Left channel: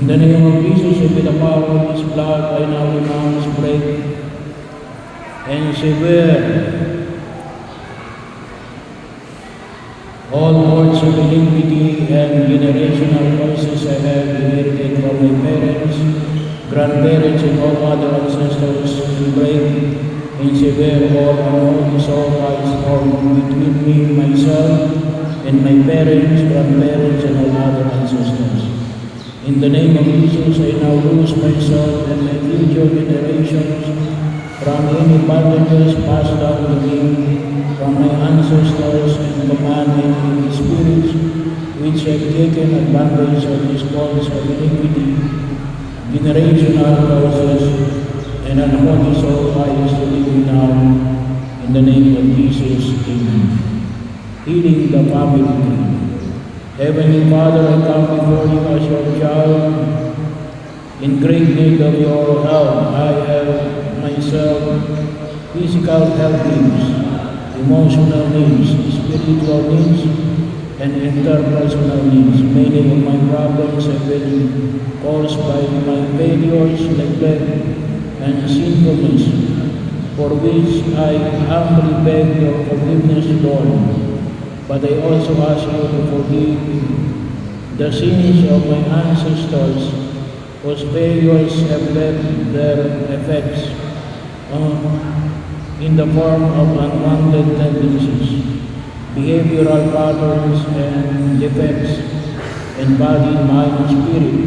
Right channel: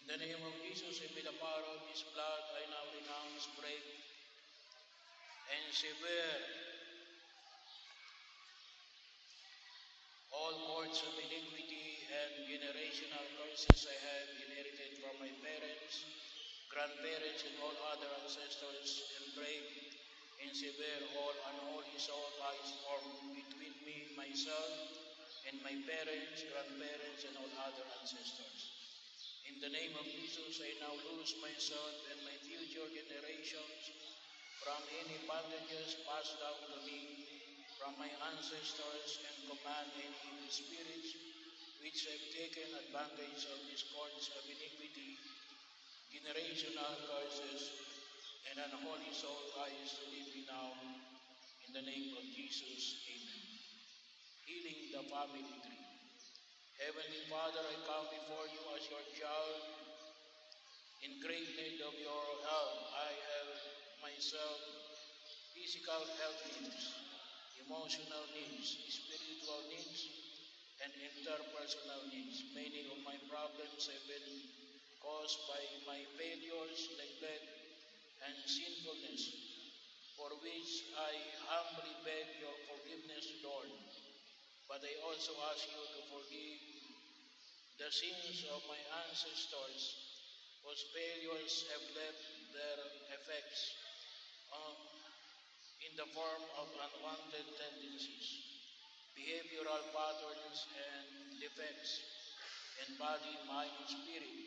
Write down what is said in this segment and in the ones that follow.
In the name of Jesus and with the power of His blood, I now renounce, break, and sever all words of iniquity and generational curses I have inherited from my parents, grandparents, and all other ancestors, and break and sever all unholy sacrifice formed between me, myself, and my parents, grandparents, and all other ancestors. In the name of Jesus, I now loose myself and my future generations from any bondages passed down to me from my ancestors, and command any spirits which have taken advantage of these causes of iniquity, generational curses, and unholy sacrifice to live now. In the name of Jesus, amen. Healing the family tree. Heavenly Father, I come before you as your child, in great need of your help. I have myself physical health needs, emotional needs, spiritual needs, and interpersonal needs. Many of my problems have been caused by my failures, neglect, and sinfulness, for which I humbly beg your forgiveness, Lord. But I also ask you to forgive the sins of my ancestors, whose failures have left their effects in the form of unwanted tendencies, behavioral patterns, and defects in body, mind, and spirit.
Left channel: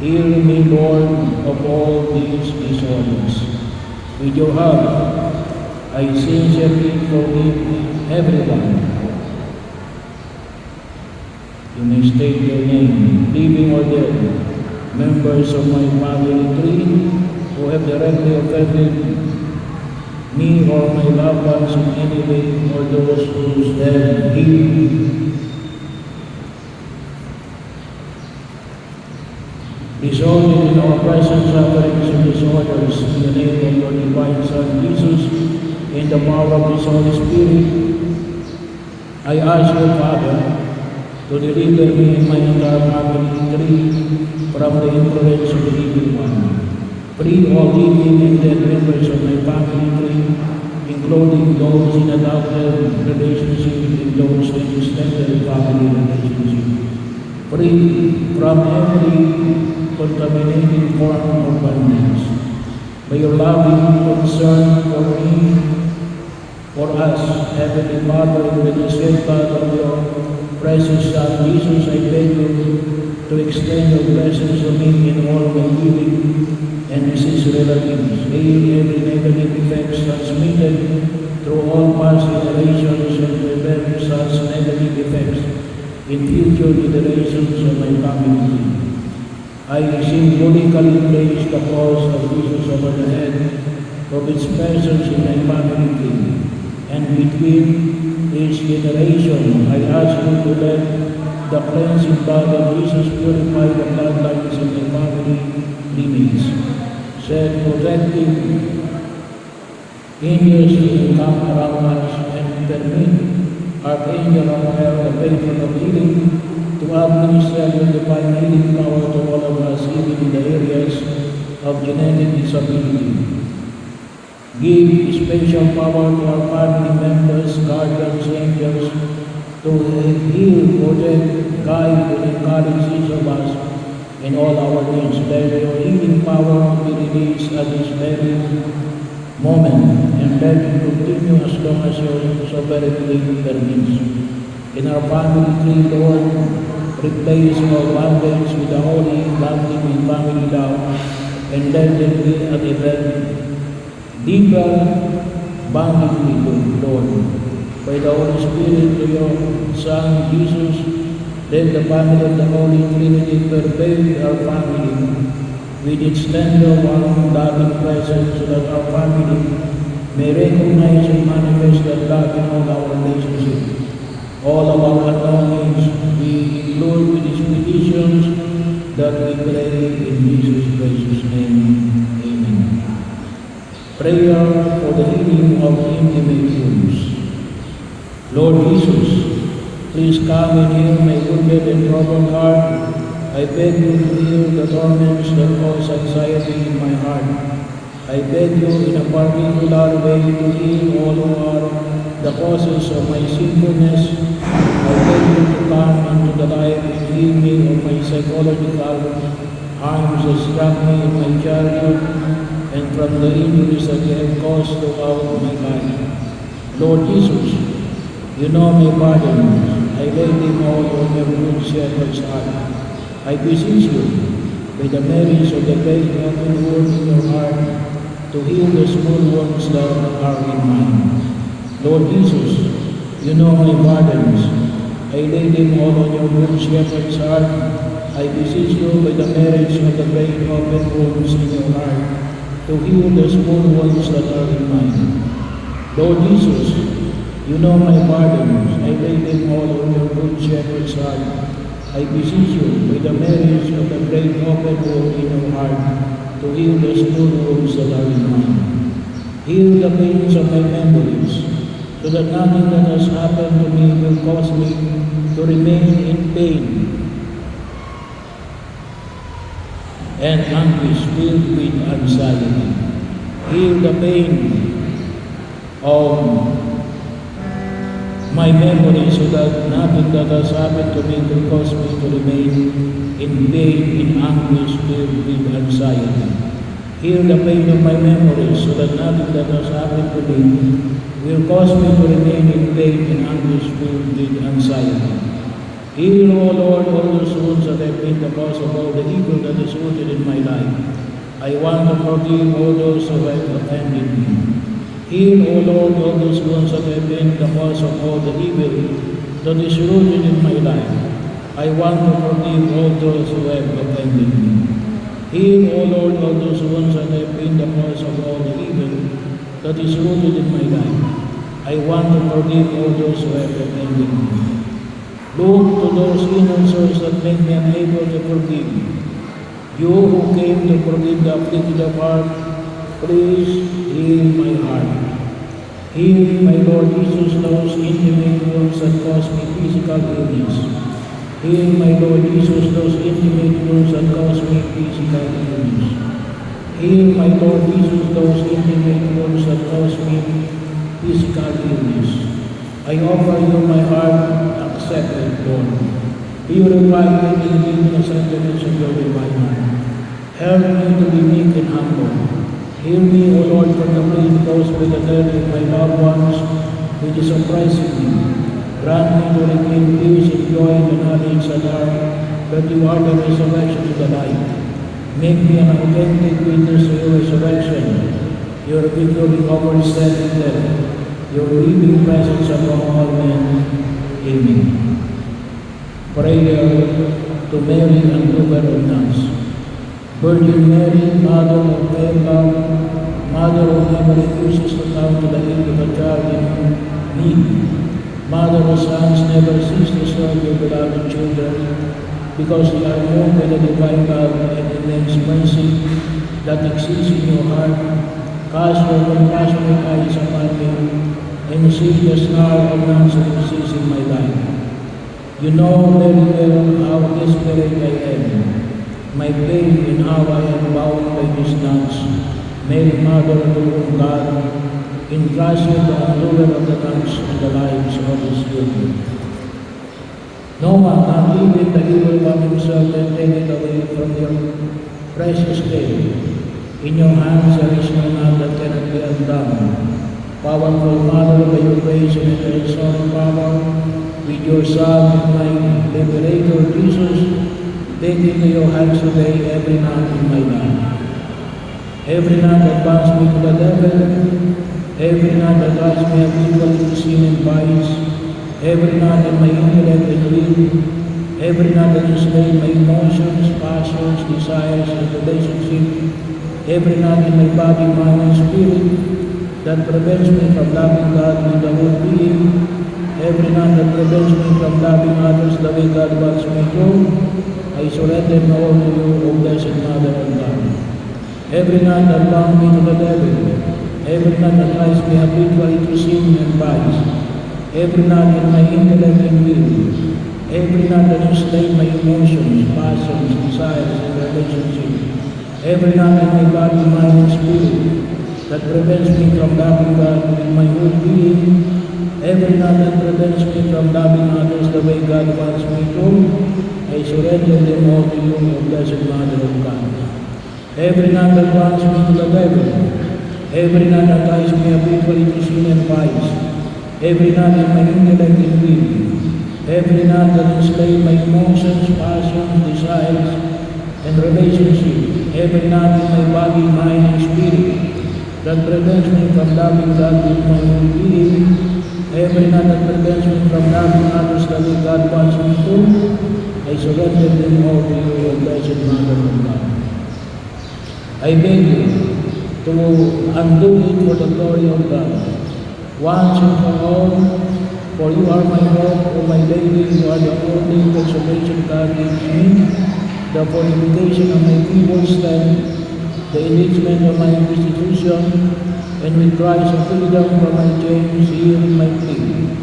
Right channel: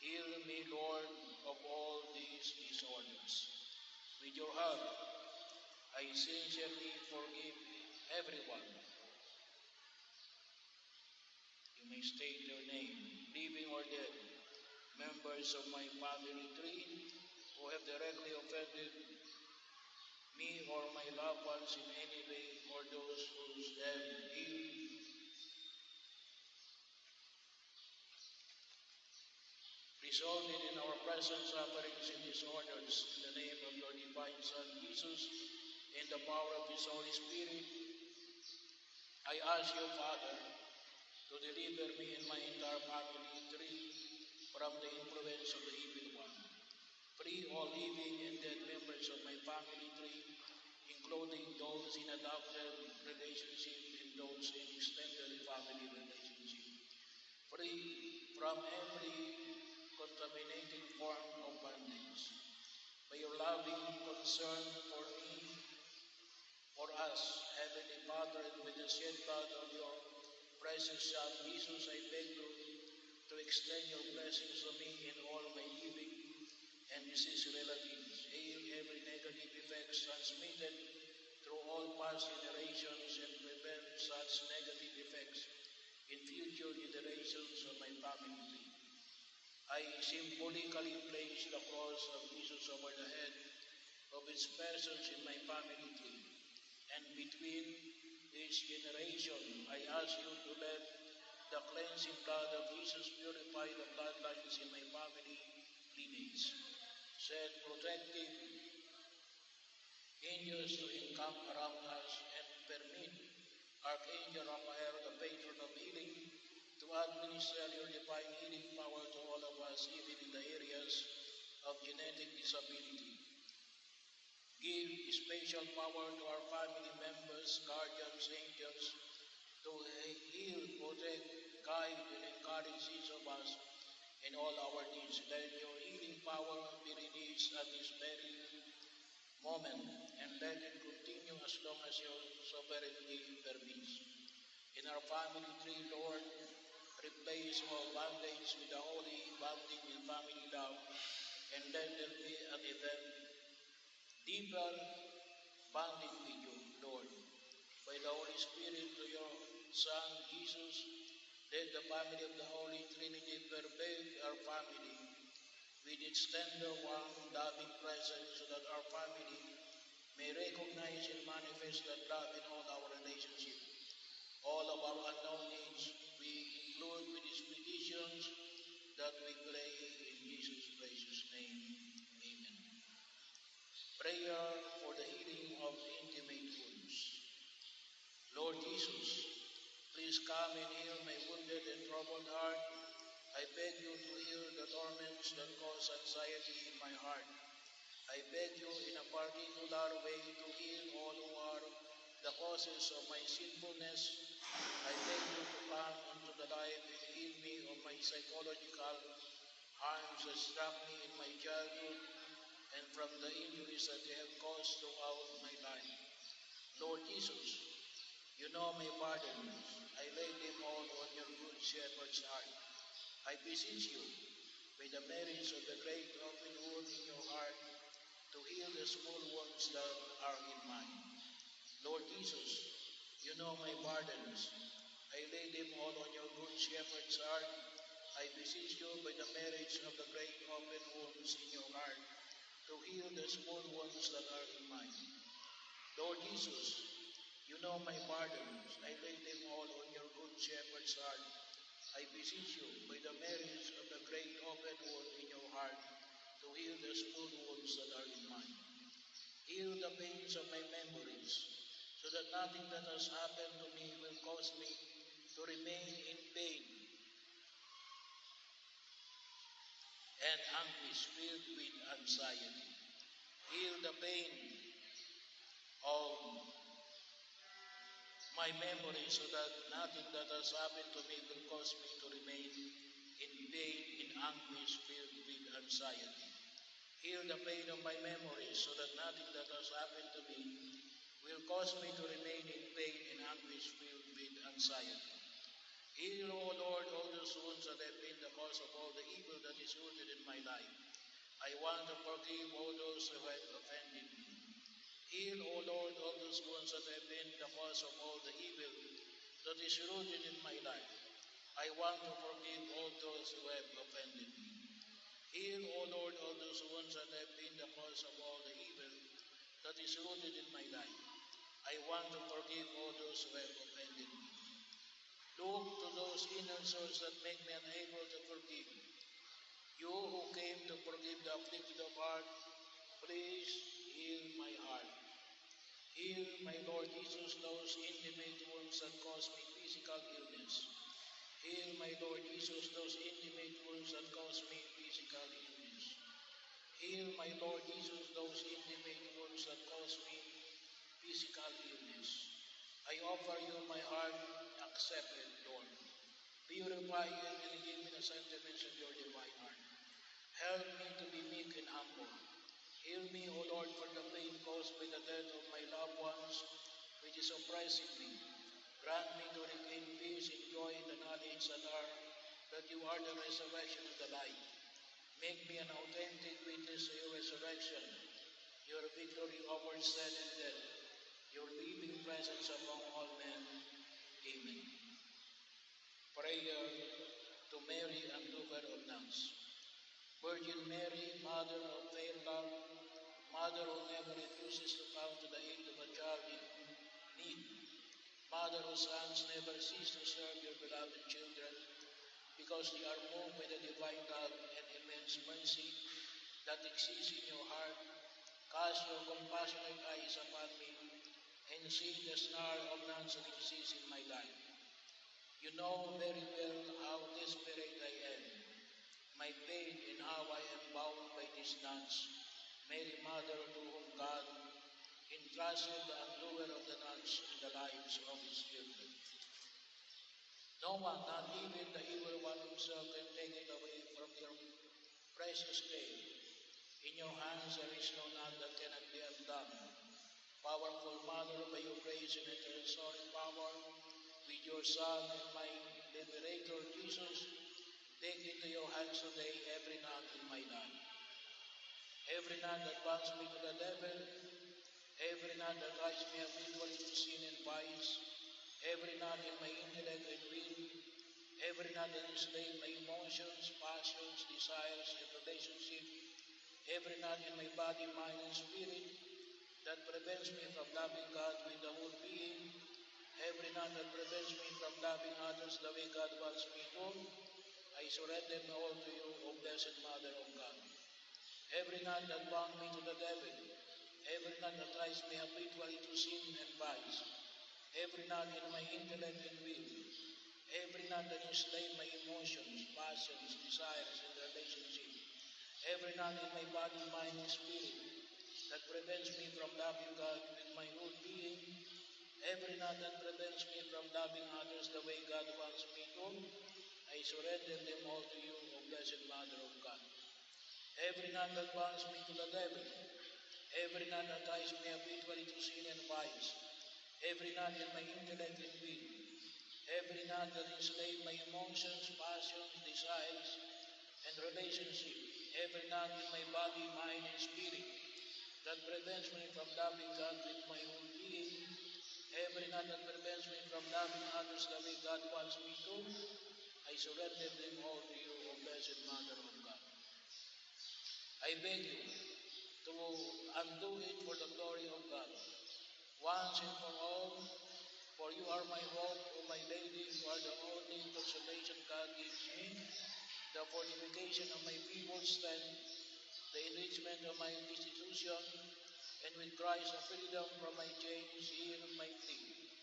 Heal me, Lord, of all these disorders. With your help, I sincerely forgive everyone. You may state your name, living or dead, members of my family tree who have directly offended me or my loved ones in any way, or those whose dead healed. Resulting in our present sufferings and disorders, in the name of your divine Son Jesus, in the power of His Holy Spirit, I ask you, Father, to deliver me and my entire family tree from the influence of the evil one. Free all living and dead members of my family tree, including those in adopted relationship and those in extended family relationship. Free from every contaminating form of bondage. By your loving concern for me, for us, Heavenly Father, with the shed blood of your precious Son Jesus, I beg you to extend your blessings on me in all my living and deceased relatives. Heal every negative effects transmitted through all past generations, and prevent such negative effects in future generations of my family. I symbolically place the cross of Jesus over the head of its persons in my family tree, and between each generation, I ask you to let the cleansing blood of Jesus purify the bloodlines in my family lineage. Set protective angels to come around us, and permit Archangel Raphael, the patron of healing, to administer your divine healing power to all of us, even in the areas of genetic disability. Give special power to our family members, guardians, angels, to heal, protect, guide, and encourage each of us in all our needs. Let your healing power be released at this very moment, and let it continue as long as your sovereignty permits. In our family tree, Lord, replace our bondage with the holy bonding in family love, and let them be an event deeper bonding with you, Lord. By the Holy Spirit to your Son, Jesus, let the family of the Holy Trinity pervade our family with its tender, warm, loving presence, so that our family may recognize and manifest that love in all our relationships. All of our longings we include with these petitions that we pray in Jesus' precious name. Amen. Prayer for the healing of intimate wounds. Lord Jesus, please come and heal my wounded and troubled heart, I beg you to heal the torments that cause anxiety in my heart. I beg you in a particular way to heal all who are the causes of my sinfulness. I beg you to come into the life and heal me of my psychological harms that struck me in my childhood and from the injuries that they have caused throughout my life. Lord Jesus, you know my burdens. I lay them all on your good shepherd's heart. I beseech you, by the merits of the great open wound in your heart, to heal the small wounds that are in mine. Lord Jesus, you know my burdens. I lay them all on your good shepherd's heart. I beseech you, by the merits of the great open wounds in your heart, to heal the small wounds that are in mine. Lord Jesus, you know my burdens. I lay them all on your good shepherd's heart. I beseech you, by the merits of the great open wound in your heart, to heal the small wounds that are in mine. Heal the pains of my memories, so that nothing that has happened to me will cause me to remain in pain and anguish filled with anxiety. Heal the pain of my memory, so that nothing that has happened to me will cause me to remain in pain, in anguish, filled with anxiety. Heal the pain of my memory, so that nothing that has happened to me will cause me to remain in pain, in anguish, filled with anxiety. Heal, O Lord, all those wounds that have been the cause of all the evil that is rooted in my life. I want to forgive all those who have offended me. Heal, O Lord, all those wounds that have been the cause of all the evil that is rooted in my life. I want to forgive all those who have offended me. Heal, O Lord, all those wounds that have been the cause of all the evil that is rooted in my life. I want to forgive all those who have offended me. Look to those innocents that make me unable to forgive. You who came to forgive the afflicted of heart, please heal my heart. Heal, my Lord Jesus, those intimate wounds that cause me physical illness. Heal, my Lord Jesus, those intimate wounds that cause me physical illness. Heal, my Lord Jesus, those intimate wounds that cause me physical illness. I offer you my heart, accept it, Lord. Purify me in the sacraments of your divine heart. Help me to be meek and humble. Heal me, O Lord, from the pain caused by the death of my loved ones, which is oppressing me. Grant me to regain peace and joy in the knowledge that you are the resurrection to the life. Make me an authentic witness to your resurrection, your victory over sin and death, your living presence among all men. Amen. Prayer to Mary and Mother of Nuns. Virgin Mary, Mother of fair love, Mother who never refuses to come to the aid of a child in need, Mother whose sons never cease to serve your beloved children, because they are moved by the divine love and immense mercy that exists in your heart. Cast your compassionate eyes upon me, and see the star of nuns that exists in my life. You know very well how desperate I am, my pain and how I am bound by these nuns. Mary, Mother of the Lord God, entrusted the undoer of the nuns and the lives of his children. No one, not even the evil one himself, can take it away from your precious day. In your hands there is no knot that cannot be undone. Powerful Mother, by your grace and resurrection power, with your Son and my Liberator Jesus, take into your hands today every knot in my life. Every knot that binds me to the devil, every knot that drives me habitually to sin and vice, every knot in my intellect and will, every knot that enslaves my emotions, passions, desires, and relationship, every knot in my body, mind, and spirit that prevents me from loving God with the whole being, every knot that prevents me from loving others the way God wants me to, I surrender them all to you, O Blessed Mother of God. Every knot that bound me to the devil, every knot that drives me habitually to sin and vice, every knot in my intellect and will, Every knot that enslaved my emotions, passions, desires, and relationships. Every knot in my body, mind, and spirit that prevents me from loving God with my whole being. Every knot that prevents me from loving others the way God wants me to, I surrender them all to you, O Blessed Mother of God. Every knot that wants me to the devil, every knot that ties me habitually to sin and vice, every knot in my intellect and will, every knot that enslaved my emotions, passions, desires, and relationships, every knot in my body, mind, and spirit that prevents me from loving God with my whole being, every knot that prevents me from loving others the way God wants me to, I surrender them all to you, O Blessed Mother of God. I beg you to undo it for the glory of God, once and for all, for you are my hope, O my Lady, you are the only consolation God gives me, the fortification of my feeble strength, the enrichment of my institution, and with Christ of freedom from my chains, hear my plea.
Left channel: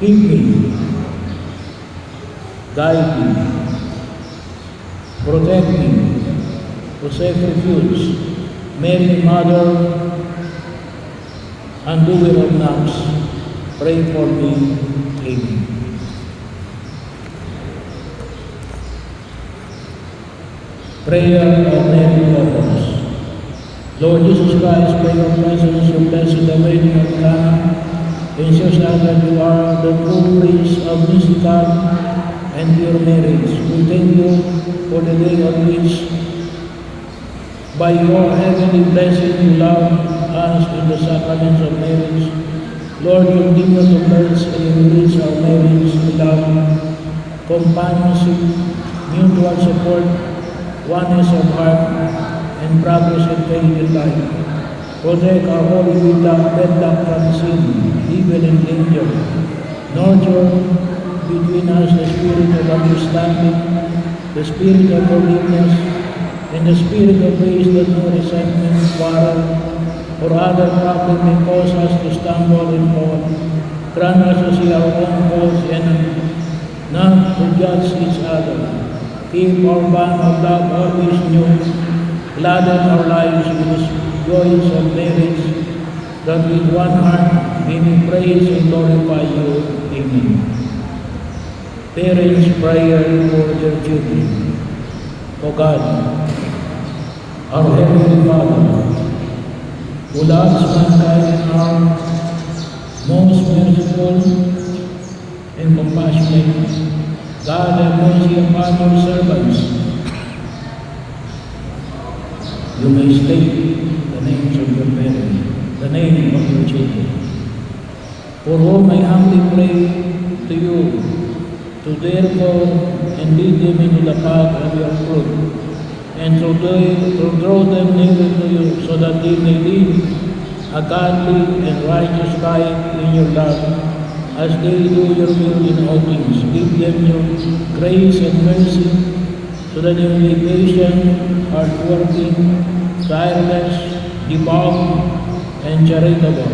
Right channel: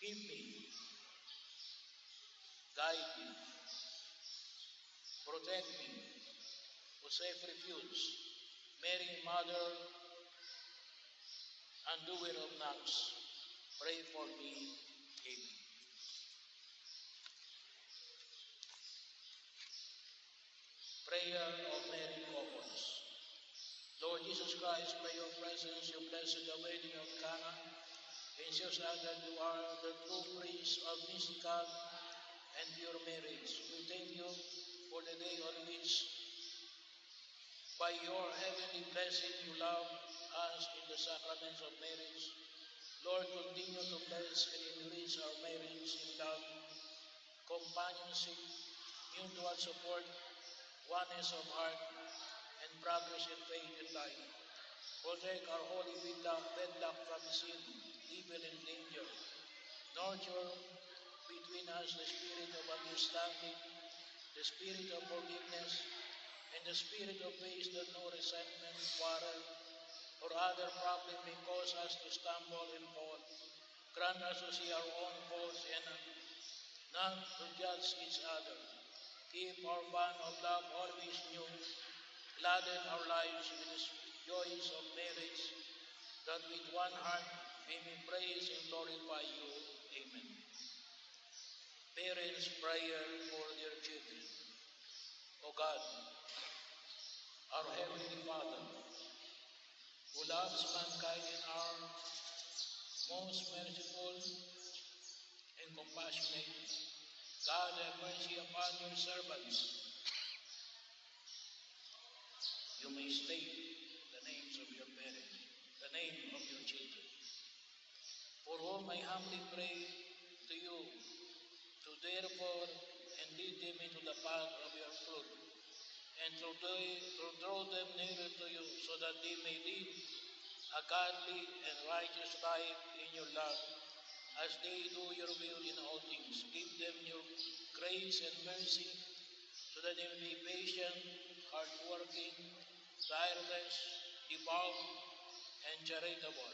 Keep me, guide me, protect me, to safe refuge, Mary, Mother, and doer of knocks, pray for me. Amen. Prayer of Mary Lovers. Lord Jesus Christ, by your presence, you blessed the wedding of Cana, ensures us that you are the true priest of mystical and pure marriage. We thank you for the day on which, by your heavenly blessing, you love us in the sacraments of marriage. Lord, continue to bless and enrich our marriage with love, companionship, mutual support, oneness of heart, and progress in faith and life. Protect our holy wedlock from sin, evil, and danger. Nurture between us the spirit of understanding, the spirit of forgiveness, and the spirit of grace that no resentment, quarrel, or other problem may cause us to stumble and fall. Grant us to see our own faults and not to judge each other. Keep our bond of love always new. Gladden our lives with the joys of marriage, that with one heart we may praise and glorify you. Amen. Parents' prayer for their children. O God, our Heavenly Father, who loves mankind and are most merciful and compassionate, God, have mercy upon your servants. You may state the names of your parents, the name of your children, for whom I humbly pray to you, to therefore and lead them into the path of your truth, and to draw them nearer to you, so that they may live a godly and righteous life in your love, as they do your will in all things. Give them your grace and mercy, so that they may be patient, hardworking, tireless, devout, and charitable.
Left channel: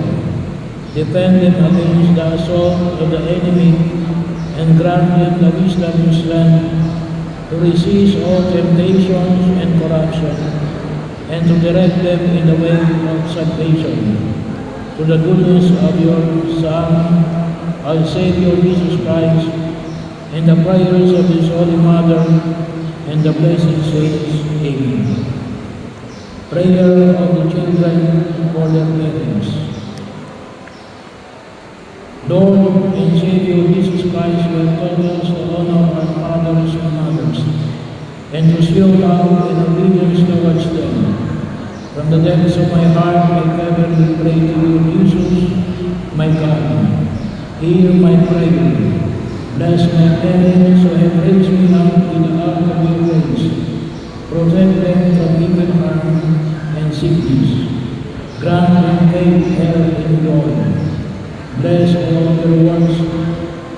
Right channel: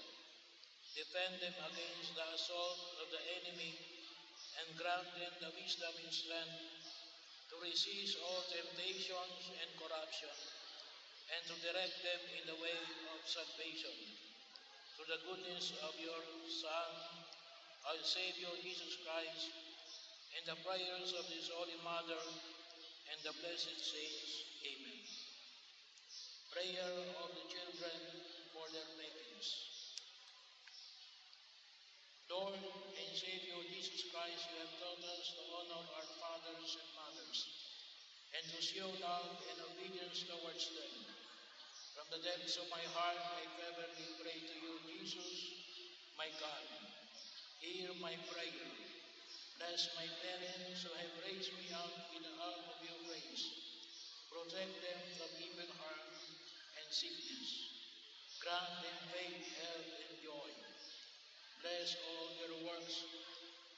Defend them against the assault of the enemy, and grant them the wisdom and strength to resist all temptations and corruption, and to direct them in the way of salvation, to the goodness of your Son, our Savior Jesus Christ, and the prayers of His Holy Mother, and the blessed saints. Amen. Prayer of the children for their parents. Lord and Savior Jesus Christ, you have taught us to honor our fathers and mothers, and to show love and obedience towards them. From the depths of my heart, I fervently pray to you, Jesus, my God. Hear my prayer. Bless my parents who have raised me up in the ark of your grace. Protect them from evil harm and sickness. Grant them faith, health, and joy. Bless all their works,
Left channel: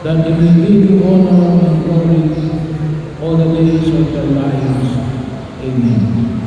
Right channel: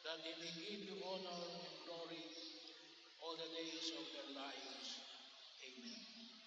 that they may give you honor and glory all the days of their lives. Amen.